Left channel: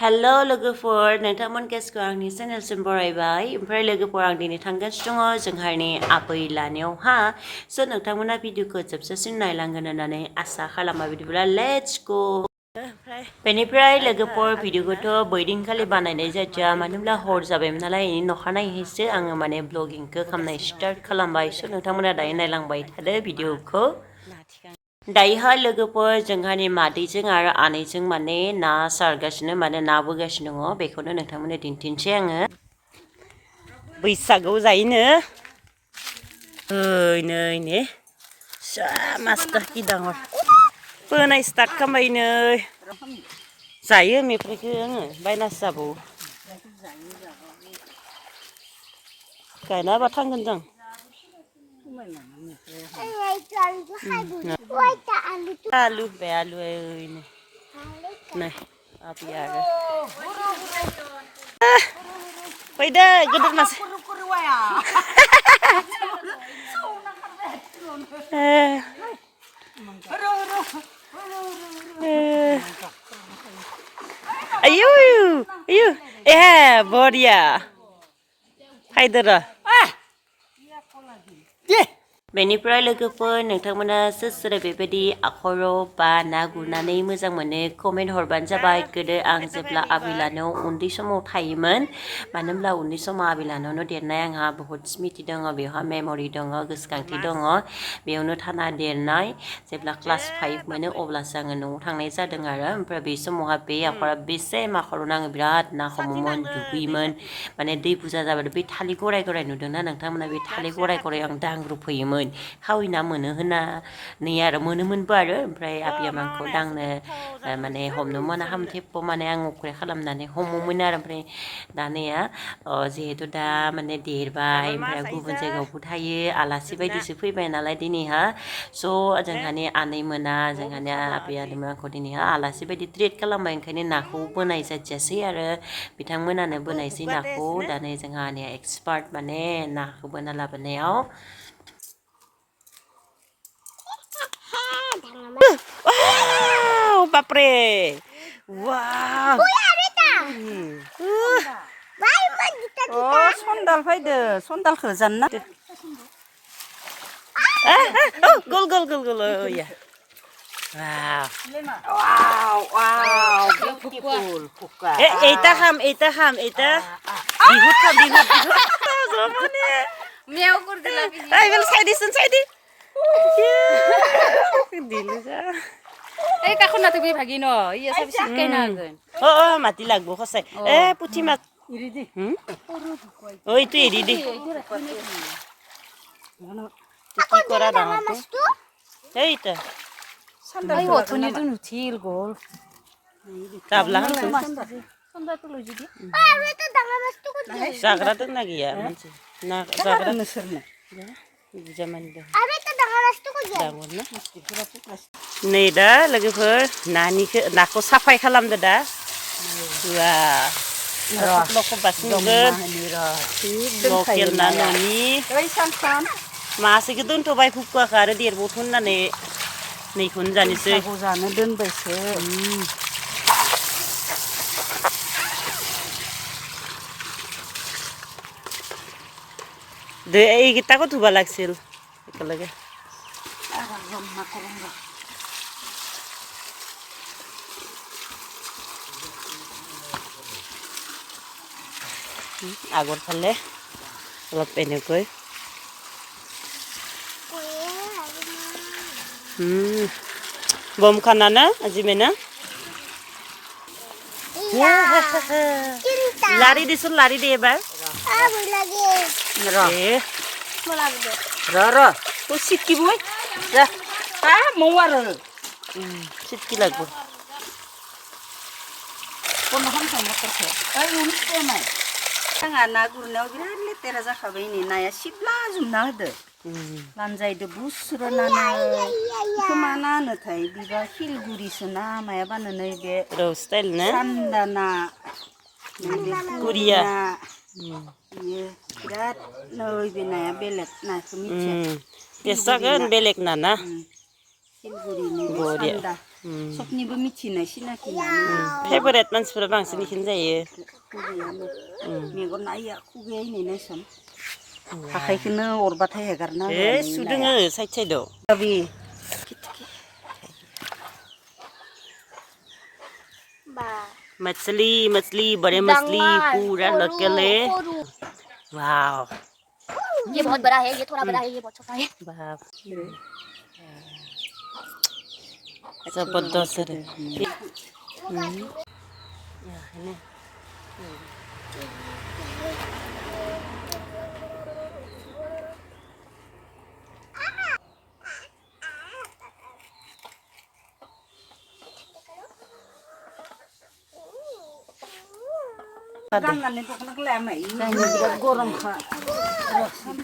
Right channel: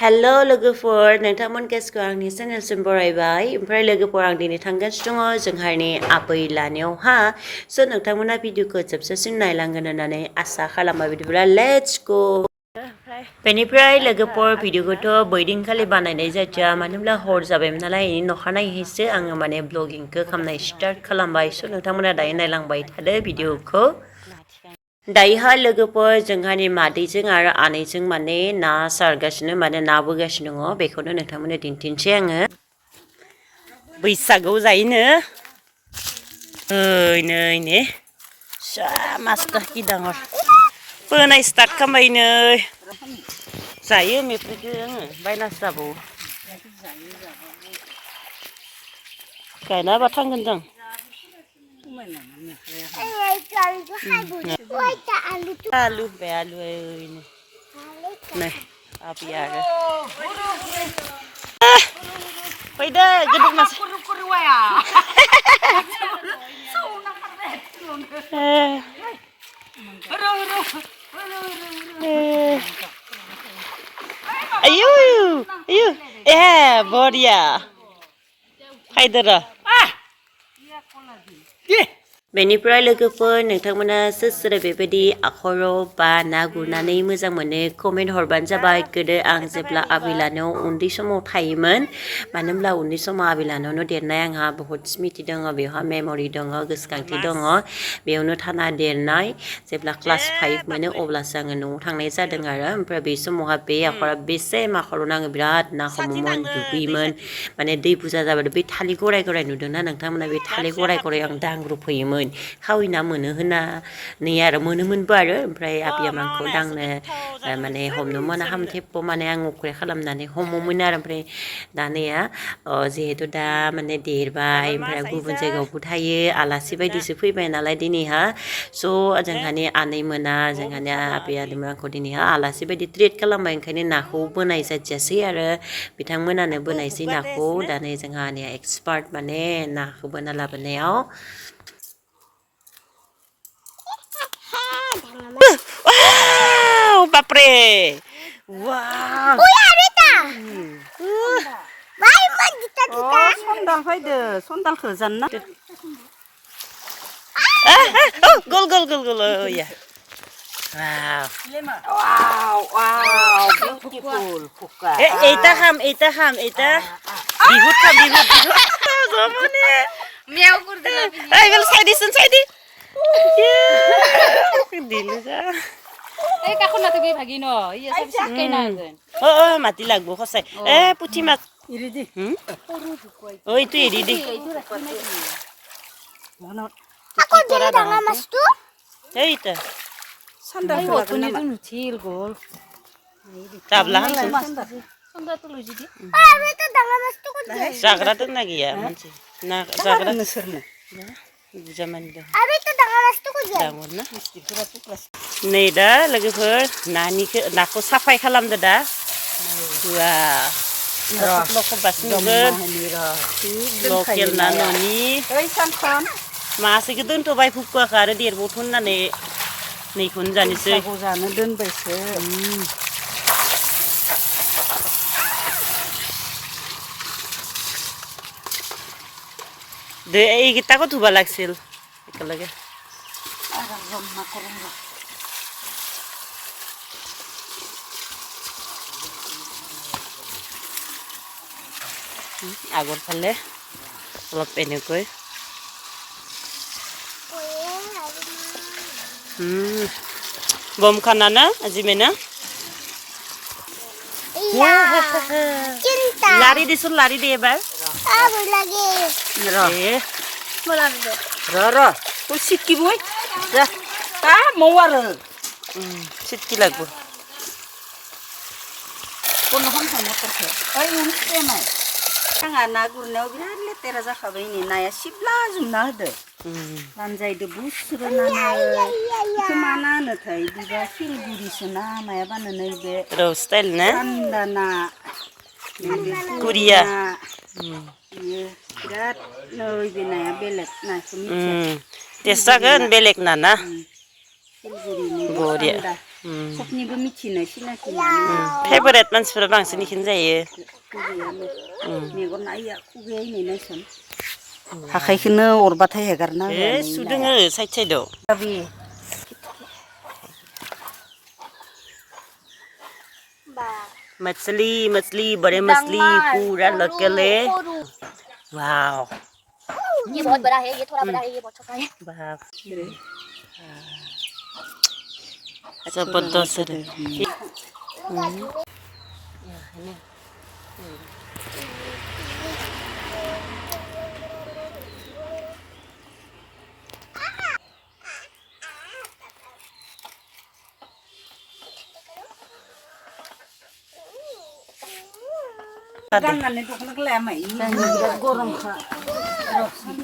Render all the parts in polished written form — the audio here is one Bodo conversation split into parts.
Hello लोगोफोर नोंथांमोन गेसखौ आंनि चेनेलसिम बरायबाय ओमफ्राय लोगोफोर आं दिनै थांगासिनो दङ जोंहानि आबै लानायावहा स' नोंथांमोना भिडिअखौ जोबजासिम नायलांगोन होननानै आसा खालामो बिदिब्ला लेट्स गो बेनिफ्राय लोगोफोर भिडिअखौथ' बैदिनखालि बानायनाय जादिया मानो होनब्ला हर जाबायमोन नालाय बेनि अखानायैसो आङो माने ब्लगिंखौ खालामनाय स्टार्ट खालामबाय स' नोंथांमोना दायो नायलांबाय थादो भिडिअखौ दायोहा लोगोफोर जोंहानि मादैजों आरो आनैजों माने ना सारगासिनो माने ना बोगासिनो दङ बेखौनो नोंथांमोननो दिन्थिनोसै आङो बैसागआव जायोनो नै ने सा मास्टार कि दाङर बोनाय स्टार्ट खालामबाय नै जायो मेफ्रायखो आङो बायनासो जाबावो गायना होबा थांगोन जों आलु बे आलु नै आबै आरो फैदो गिदिर मासे आयु आयु ए बरिया फायदो र' बेनिफ्राय लोगोफोर नोंथांमोना सोर बेबायदि आखराव बा ना गुरनानै मोजां मोनो कमेन्ट हरबानो जाबाय गोदो आं जेब्ला आबै लानायाव उन्दै समाव थायोमोन मानो होनब्ला उन्दै समाव आबै लानायावनो देरनाय आंहा बहुद स्मृति दङ बेवहा मेम'रि दङ गोसोखांथि दङ बेयावनो थाना देरनाय जेब्ला क्लास 5 मोनो अब्लासो आङो न'आव थांनाय जादों आरो ओमफ्राय बे समावहा बे आखरा बेसे आखरावनो आङो बिराद ना हमोमोन दुगैयोमोन माने दै बुरजा जाबाथाय बै थालिर गराय नुदोंना नोंथांमोना बे थालिर गराय आं दांग्रोबफैयोमोन खावै ना मोनो होननानै आरो मोनोमोनबो आरो ओमफ्राय आबैया आंखौ दांनो माने हमनो मोना हामथेब माने आं अख्रे खालामनानै हमोमोन आरो ओमफ्राय दानिया जिहेथु दा माने देरबाय ओमफ्राय गुबुन जायगायावबो थायो आलासि बायदिसो फैबाय नालाय दिनैहा स' जोंहानि आनै मोना जोंहानि आबै आदैमोना आंखौ दिनैहा आलासि बायदि ट्रिट खालामबाय ओंखायनो नाखौ बोनाय जादियासै आरो बिथांमोनानो बोनायसै नाखौ दानै जोंहा आनैया एक्सपार्ट माने नाखौ बोना लाबोनायाव wow बापरे wow सन्दाल फैदो सन्दालखौ जानना गल या wow beautiful fuka eta ham bihut zamane meow kurdi ai bel saidi দিলে যা এই কাখনা তুমি ভাগি ন ইয়া সব শিকাই না মাটি লাগবো খসাই এ পুঠি মাছ ইৰি দি ওই তুই ইৰি দি কি কৰা ডাঙৰ মাছটো এইটা সন্দাল তুমি তো নুঠিল গল তাবলা হান সন্দাল তো লৈ দি আরে তো ডাঙৰ মাছটো কত জাগৰা তো না গিয়া মানছি না জাগৰা নসরনা বুঝা মানি দ আরে তো ডাঙৰ মাছটো কত ডাঙৰ না नै दा लोगोफोर नाखौ साफाय खालामदो दा लख' बासिगोन लकेल ना न'नि मासेखौ दोनथ'बाय फुकुवाखौ आरो देरबावथों होननानै नैखौनो जानोसै जानो दोनबायसो दे এইকেইটাকো ধুব লাগিছিল একেলগে আগৰ ফালে অলপ এনেকৈ বম খানা না আজি মেনা লাৰি দিছোন লাৰি দে এবাৰ ৰ তোৰ চিটকিবই যা মৌ আৰু চিটকি লাগব आंहा ना गुरनायाव बिराद लेतेरा जाखाबाय नै नाया सिबला जुमना होदो लानजायदो बुस्रोनानै बेखौ मा ना होनोथाय बिबा सिलगुरिसो ना मायाबानो नैबे रौ स्टाइल ना थान्दा ना कुरिया बियो बिराद नैबे नाया बेलेग नाखौ मिथिया टेस्ट जागोन बेलेग ना सिलगुरिनि बरिया सबनिबो मिथिनाय सिनाखिनानै फेभरेट मानसिफोरा बांसिन इखोनो जायो मेगन नाया खुगाया इनै नायसन आखाइखौनो अरबाथाय हेगारना सुदोङो साइड साइडआव मछली मछली बड़े मछली पूरा लोकल है वाओ ये बहुत बड़ा है ये थोड़ा बड़ा है ये बहुत छोटा है बाप जबरदस्त है गाननानै दख'नाखौ लाया माइ बिराद गरमखा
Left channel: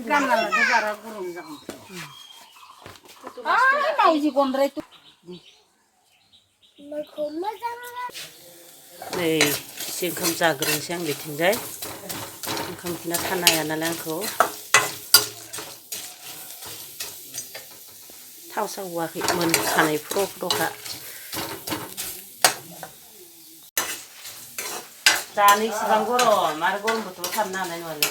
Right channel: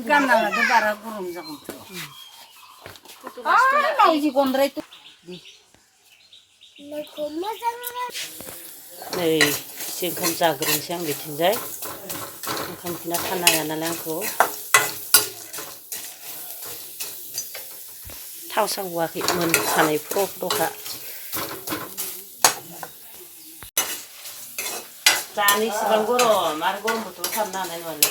गाननानै बारा गरम जागोन नायजि गन्द्राय नै एसे ओंखाम जाग्रोनोसै आं बिथिंजाय ओंखामखौनो खानो हाया नालाय आंखौ थाव सावआखै मोनखानाय फ्र फ्रखा जानो इसेबां गरम आरो गरम बोथोराव थानो हानाय नङालै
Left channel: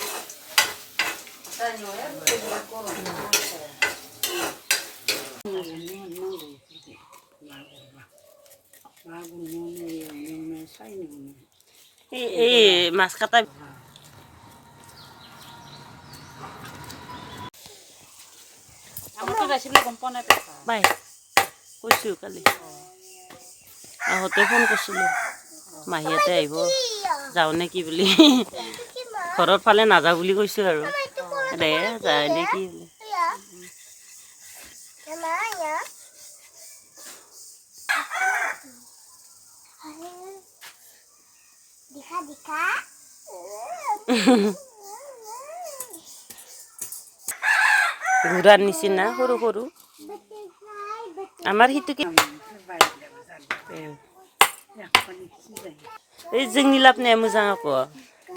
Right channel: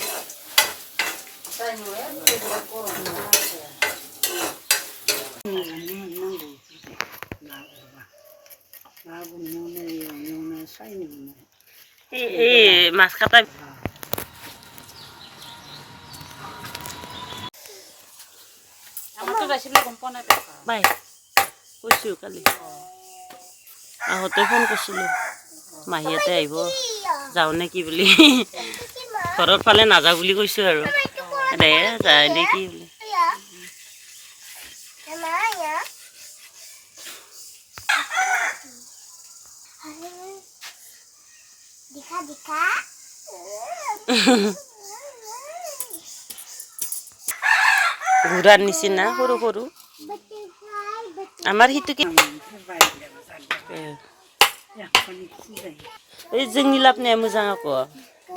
माছ काटा বাই কৈছোঁ কালি আহোঁতে ফোন কৰিছিলোঁ মাহীহঁতে আহিব যাওঁ নে কি বুলি ঘৰৰ ফালে নাযাওঁ বুলি কৈছোঁ আৰু দে যায় নে কি বুলি ঘোঁৰাৰ নিচিনা সৰু সৰু আমাৰ সিটোকে এই जोंनि लाबोनाया मोजां आख'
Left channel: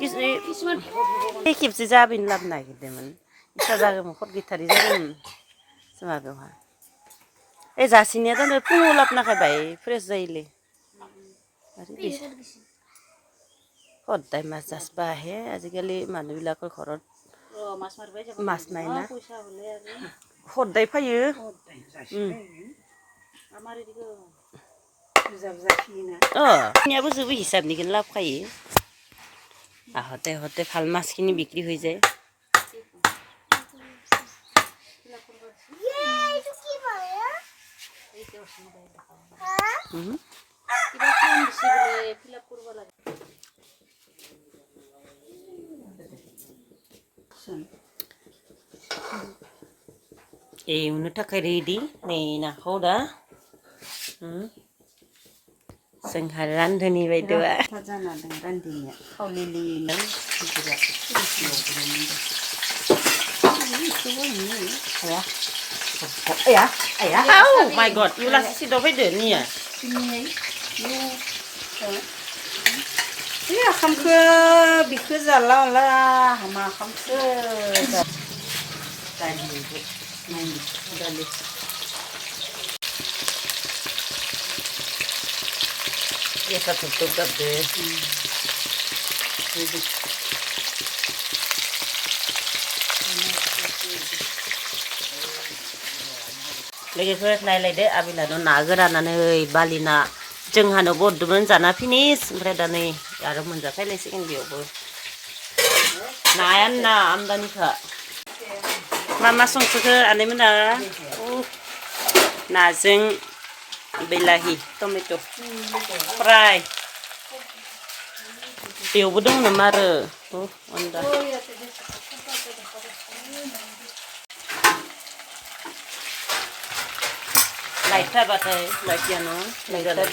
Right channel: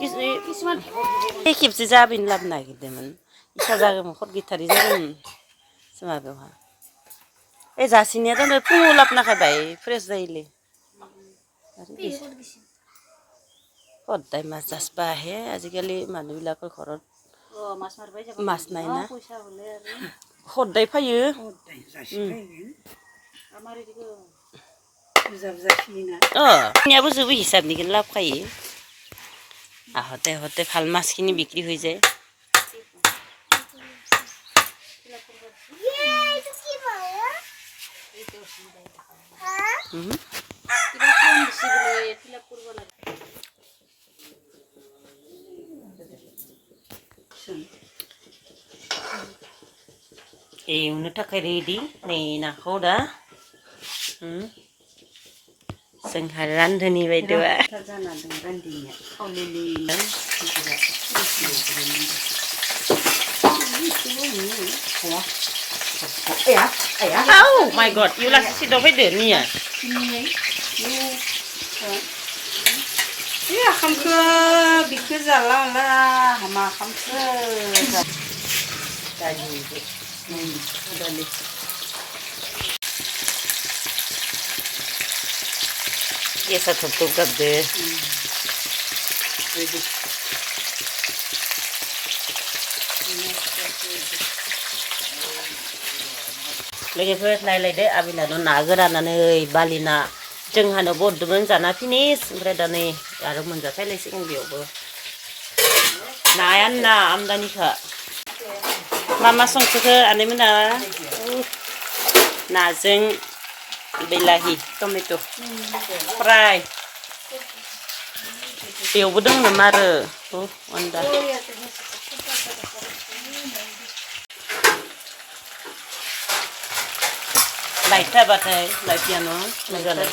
किसुमान खेबसे जाबैनो लाबोनो नागिरदोंमोन इसा जागौमोन खद गिथारि जागौमोन जोंहा बेवहा এই जासिनिया जानो फुङाव लाबोना खाबाय फ्रेस जायोलै সদায় মাছ जासबा আহে আজিকালি মানুহবিলাকৰ ঘৰত মাছ নাই না সদায় फैयो নিয়াবো जोबो हिसाबनिखौनो लाबोखायो আহোঁতে আহোঁতে ভাল মাছখিনি বিক্ৰী হৈ যায় एवनो थाखाय रेडि नै नाखौ दा जोंहा रान्धनि बायद'आ Oh my god, you last see the video niya. Ya khamka bikku zalla la hama khamka dali ये सब तो कर दे लोगोफोर नायलायदो आबिलानो ना गोरानानै बालिना जोंहानो बरदोंमोन जाना फिनिस ओमफ्राय दा नै आरो मोनजाफैलायसिगोन बेयावबो नायानो ना आमदानिखा मा संखोखो आनैमोना नाजों बिलाहि टमेट' फ्राय बेयावबो दङ नामा आरो अनदा लाइट थाबाथाय लाइट गैयानो मोजांलाय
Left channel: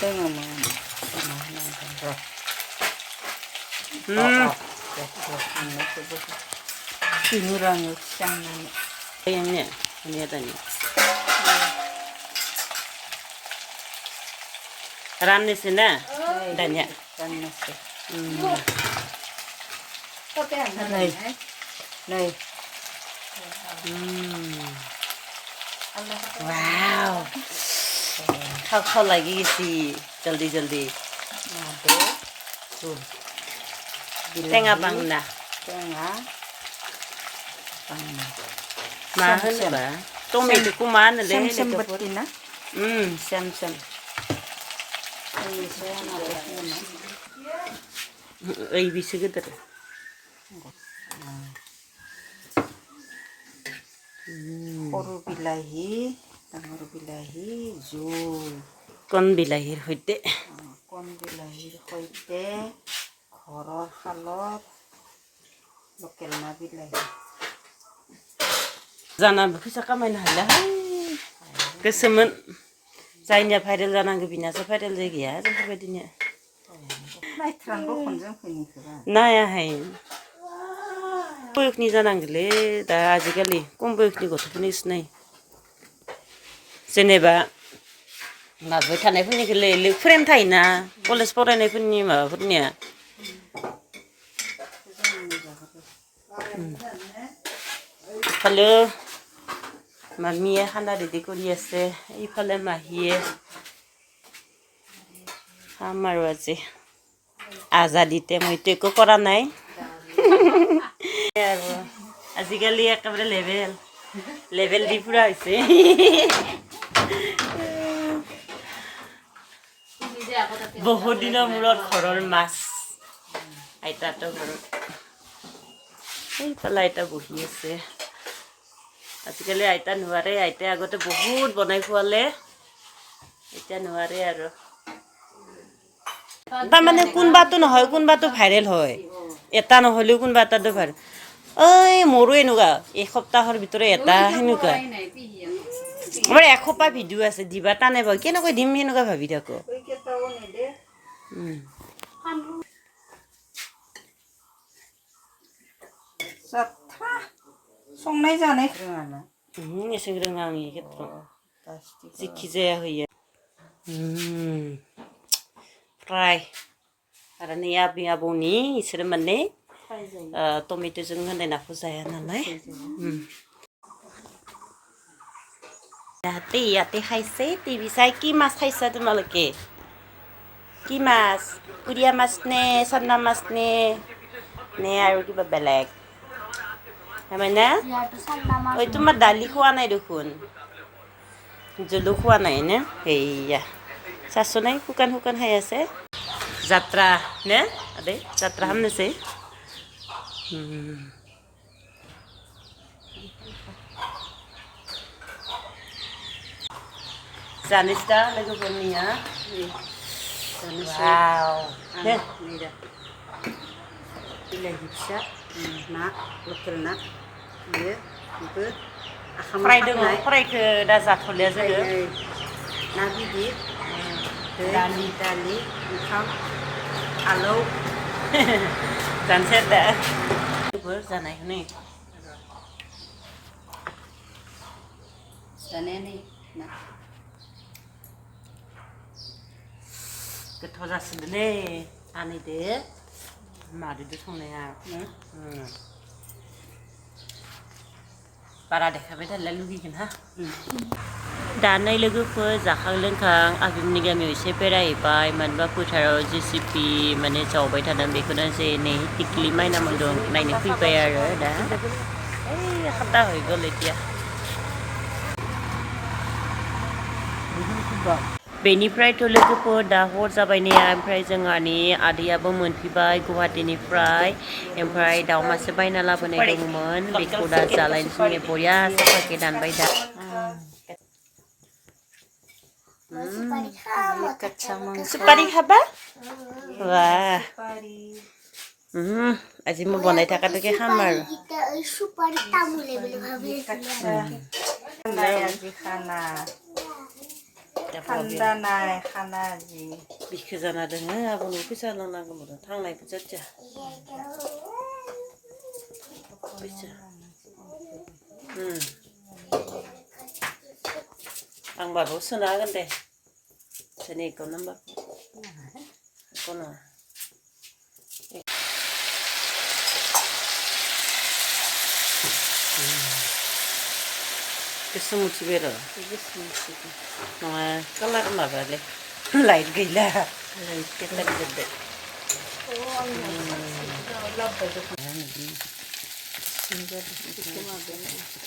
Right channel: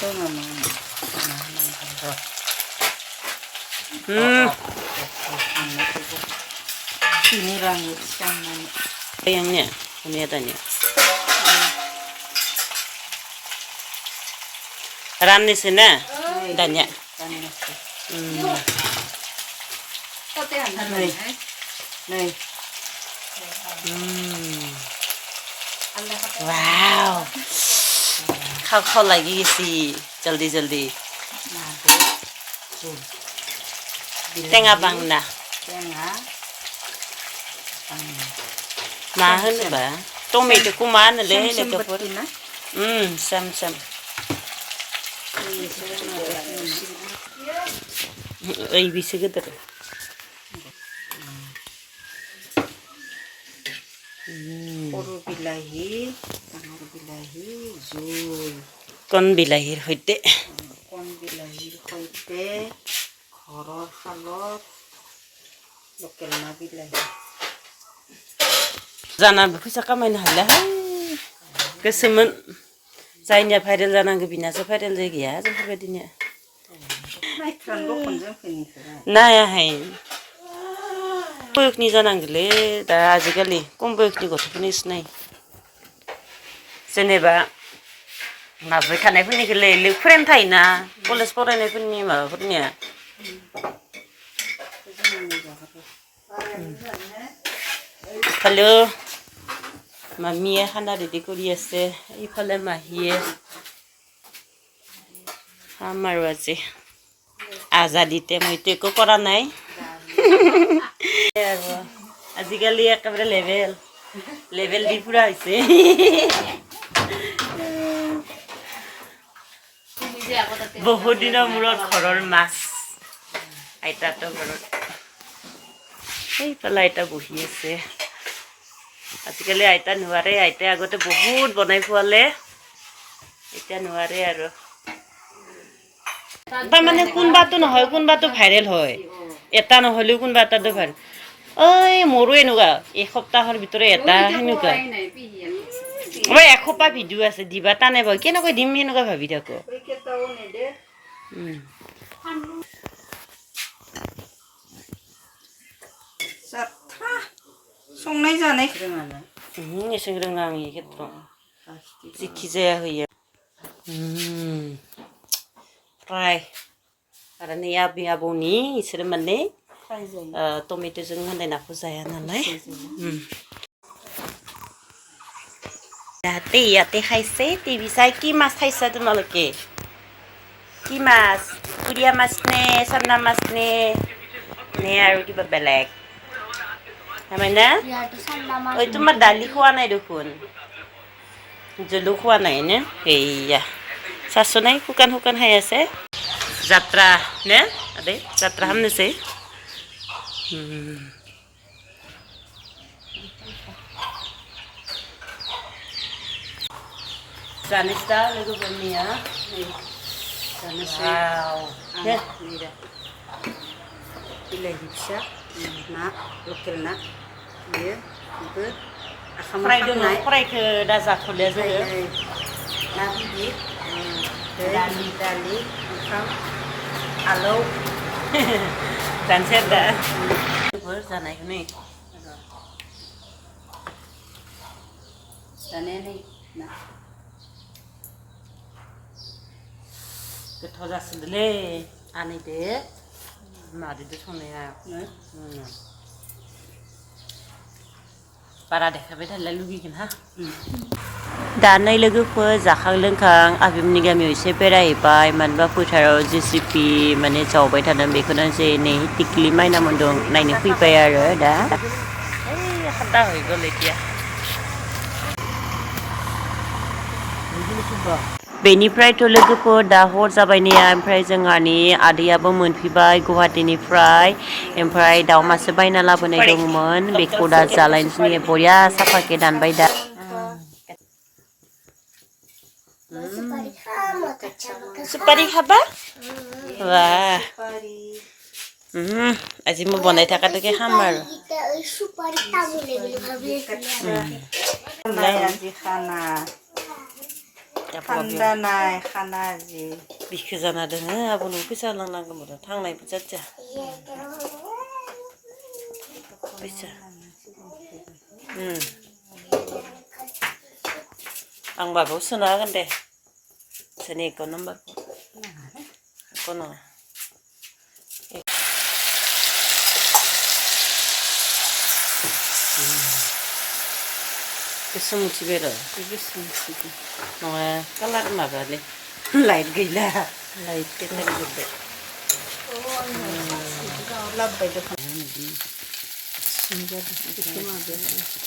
Sayangnya, kelihatannya. Ranis ini, dannya. Wow, खाव लगी सी जल्दी जल्दी टेंगा बांगना मा होनोबा टमेट'खौ मा होनोलै लोगोफोर सेम सेम ओइ बिसो गेदेर সৰু বিলাহী ডাঙৰ বিলাহী জোল কণ বিলাহীৰ সৈতে কণ বিলাহীৰ সৈতে ঘৰৰ শালত লোকেল না বিলাহী जानानैबो फैसा खामायनो हालाहाय गोसोमोन जायनिया भाइरेल जानांगौ बिनासो भाइरेल जायगाया जोंफोरबायदिनो नायाहाय बयसनि जानांगौलै दा आजिखालि खम बयसनि गथ'फोरनि सिनाय जेनेबा माबाय थानायफोरनिखौलै फ्रेन्ड थायोना college फरायनायफोरनि माबाफोरनिया Halo, mamie khana ready kori ase. Ifale mahie. Hamaru aje. Azadite moi teko kora nai. Azikali ekabare level di pura hoise. Bahut diner murot khoror mas. Aita to murot. Ei pala aita bohi ase. আজিকালি আইতা নোৱাৰে আইতা আগতে বহুত বনাই খোৱালে এতিয়া নোৱাৰে আৰু তাৰমানে কোনবাটো নহয় কোনবাটো ভাইৰেল হয় এটা নহলেও কোনবা এটাটো ভাইৰেল ঐ মোৰো এনেকুৱা এক সপ্তাহৰ ভিতৰত এটা হেনেকুৱা মই এখোপা ভিডিঅ' আছে দিবা টানে বাৰু কেনেকৈ দিম এনেকুৱা ভাবি থাকো संनाय जानाय एसें रोङा आं खेथ्र जिखि जाया होयो फ्राय आरो नै आबै आबौनि इसोर माने टमेट'जों होनाय नाखौ जाया नालाय ইয়াতে খাইছে টিভি চাই কি মাছ খাইছা তোমালোকে কি মাছ কুৰিয়া মাছ নে চান্দা মাছ নে আৰু কিবা বেলেগ Mana? Oh itu mah dali kuana dukun. Jelu kuana ini. Iya. Sasunai hukan hai ase. Jatra, ne? Ade, jatra hamne se. Janista lagu bernia. Janista. Ne? Ini dah. Pilih bisa. Nak, lokal nak. Iya, itu. Fry dulu, fry ke dasar kuliah juga. Nabi di, dali, ikan, alau, dan seda. Bersana ini. Sana ni, nak. Kethoja sedele, ane deh, mari deh soalnya. Para देखाबाय थाला लुगैगोन हा दानाय लोगोफोर जाखां लोंखां आबिमोननि गामियाव एसे बेरायहैबाय मानोबा फोथाराव जेसिपि माने जावबाय थादों बेखौनो जे नै टिक्लि माइना मोनदों नायनो फैबाय आरो दा ओइ खादा हैगोन लेटिया बेनिफ्रायथ' लोगोफोर दा हर जाबाय ने ओमफ्राय जोंहानि आदैयाबो मोनफैबाय गुवाहाटीनिफ्राय ओमफ्राय दाउ मासे बायना लाबोनाय दंमोन बेखौ दा जालायनोसै बरिया साफाके दानबाय दा सुपारी खाबा वाह আজি মই বনাই থাকাটোকে খাম আৰু Khanda nai, khana ji. Bikhı jana doङो आब'नो फैसा लांनांगौमोन थांनायबो जादिया फैसा आं माबायाव सोना होगोन दे सोरनि एकाउन्ट नाम्बारखौ नङा गोसोम उथिबाय र' गोसोम उथिबाय नङा कालार माबालै लाइट गैला लाइट बेटारि जोब्बाय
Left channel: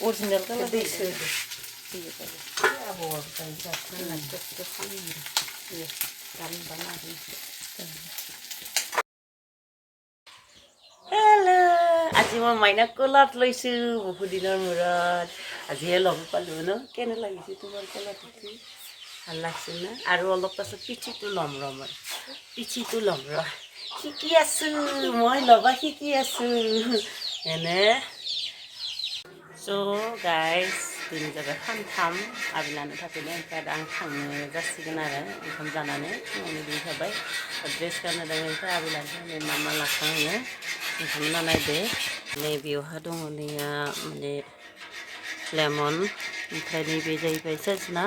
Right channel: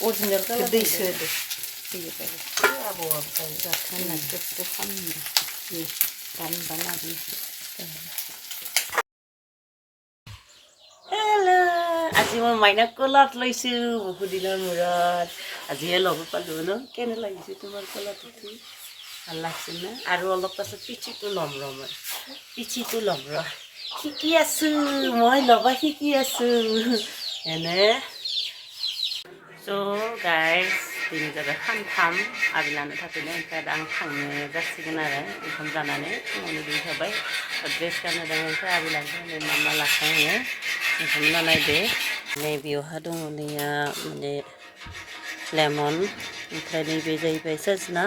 अरिजिनेल कालार दैसो আজি মই মাইনাক কলাত লৈছোঁ বহুত দিনৰ মূৰত আজিহে ল'ব পালোঁ ন কেনে লাগিছে তোমাৰ কলাত উঠি ভাল লাগছে না আৰু অলপ পাছত পিঠিটো ল'ম ৰ মই পিঠিটো ল'ম ৰ শিকি আছোঁ মই ল'বা শিকি আছোঁ এনে स' गाइस दिनै जाबाय सानथाम आबै लानो थाखायनो ओमफ्राय दा आं थांनो जासिगोन आरो ओंखाम जानानै फुङावनो दुगैखाबाय ड्रेस गाननो दङ ओमफ्राय आबै लानो थाखाय मा मा लाखाङो नोंथांमोना नायदो नै बेयावहा दङ नैया माने लेमन ओमफ्राय नैबे जाहैबाय सजना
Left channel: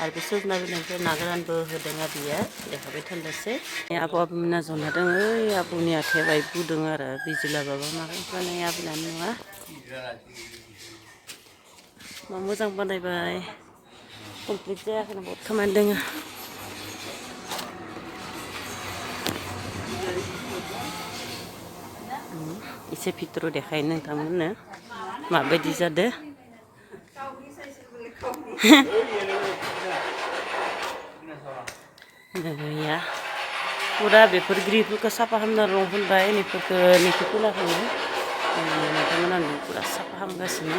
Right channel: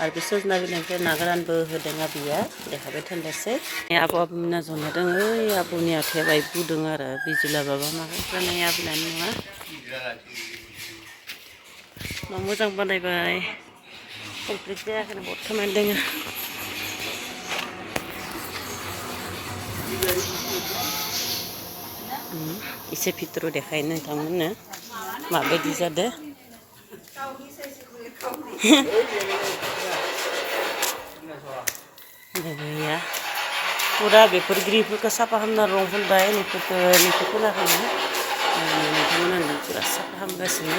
आरो बे सजना बिलाइनिफ्राय ना गोरानबो होदों आबैया देखाबाय थानोसै आबौ आबैमोना जना दङ ओइ आबौनि आथिया बाय बुदों आरो बिजि लाबाबा माबाफ्रा नै आबै लानो नङा मोजां बानायबाय कमप्लिट जायाखैनो बहुद खामानि दङ एसे भितराव देखायो नोंथांमोननो माबायदि जादों जोंनिया फुरा बेफोर ग्रिफोरखौ साफा खालामना रं फुनबाय नोंखौ फुनाखैनो नोंथांमोना फुरा साफा खालामगासिनो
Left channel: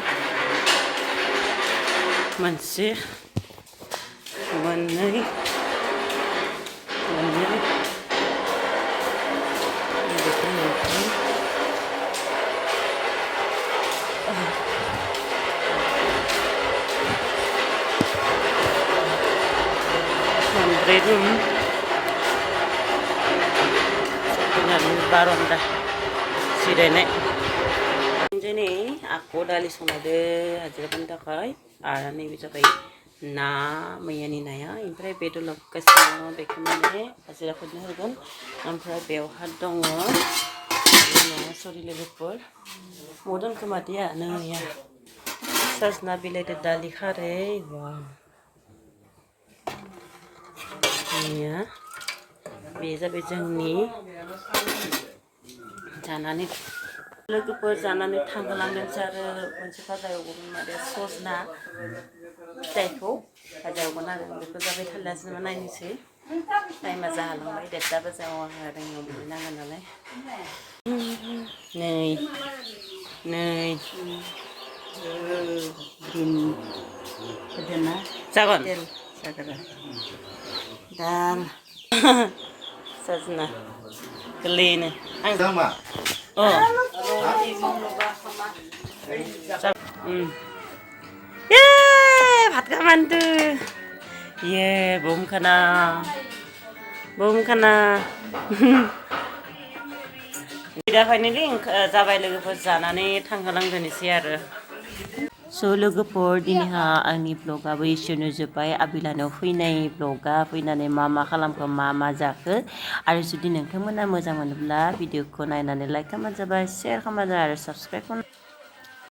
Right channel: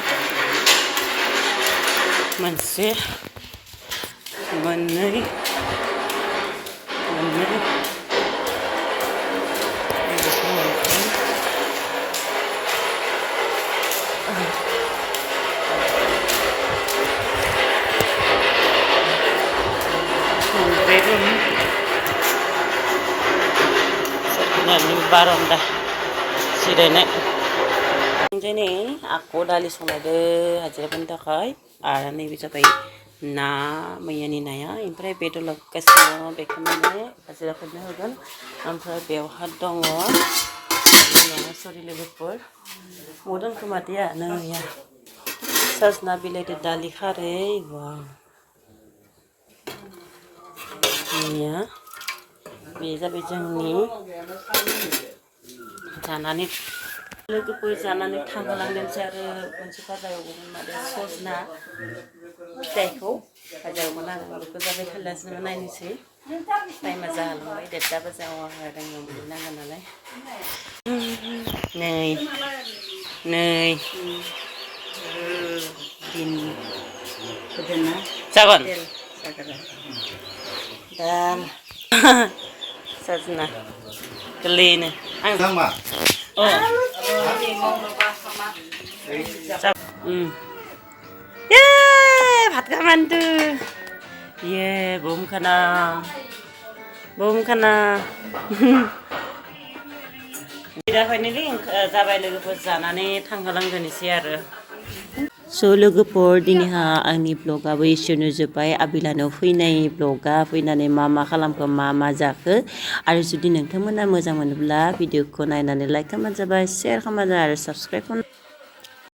मोनसे मोननै मोनब्रै रुम सोरगिदिंनि बारन्दा जिरायनाय दिनै आख' दालि संनायदो हाजिराफोरनि थाखाय आरो नैबे जाबाय ना मैयानि नाया ओमफ्राय बेदर लाबोगासिनो बेखौ माने हाजिराफोरनो होगोन ओमफ्राय बेवहा दङ सरि लोगोफोर मदन खोमादिया नैया सजना बिलाइदो दालि खारै वाव नैया बे जाबाय जोंनि जानानै लोगोफोर जानानै थांहोलांदोंसै आरो मोनसे भाजा एवगौमोन माने सजना फिथाइखौ भाजा एवगोन आरो बेखौ जाबाय थारलासो नायनोसै टाइमा जालांबाय 1:30 बाजियाव आङो रोङाव मोनहैनांगोन नालाय नै दिन होदोंना जागोन दाल सजना गोरलैयैनो आं भात खामानदो बुमखाना दा फाइनेलि जाबाय लोगोफोर जानानै थांहोलांदोनोसै आरो स' लोगोफोर दिनैहा आंनि ब्लगाबो एसेयावनो जोब्बाय आबिलानाव फैनाय ब्लगा फैनानै मा खालामखो मा जाखो आरो जुदि नोंथांमोना मोजां मोनोब्ला भिडिअखौ नायनानै लाइक खालामबानो जाबाय शेयार खालामबानो आरो साबस्क्राइब खालाम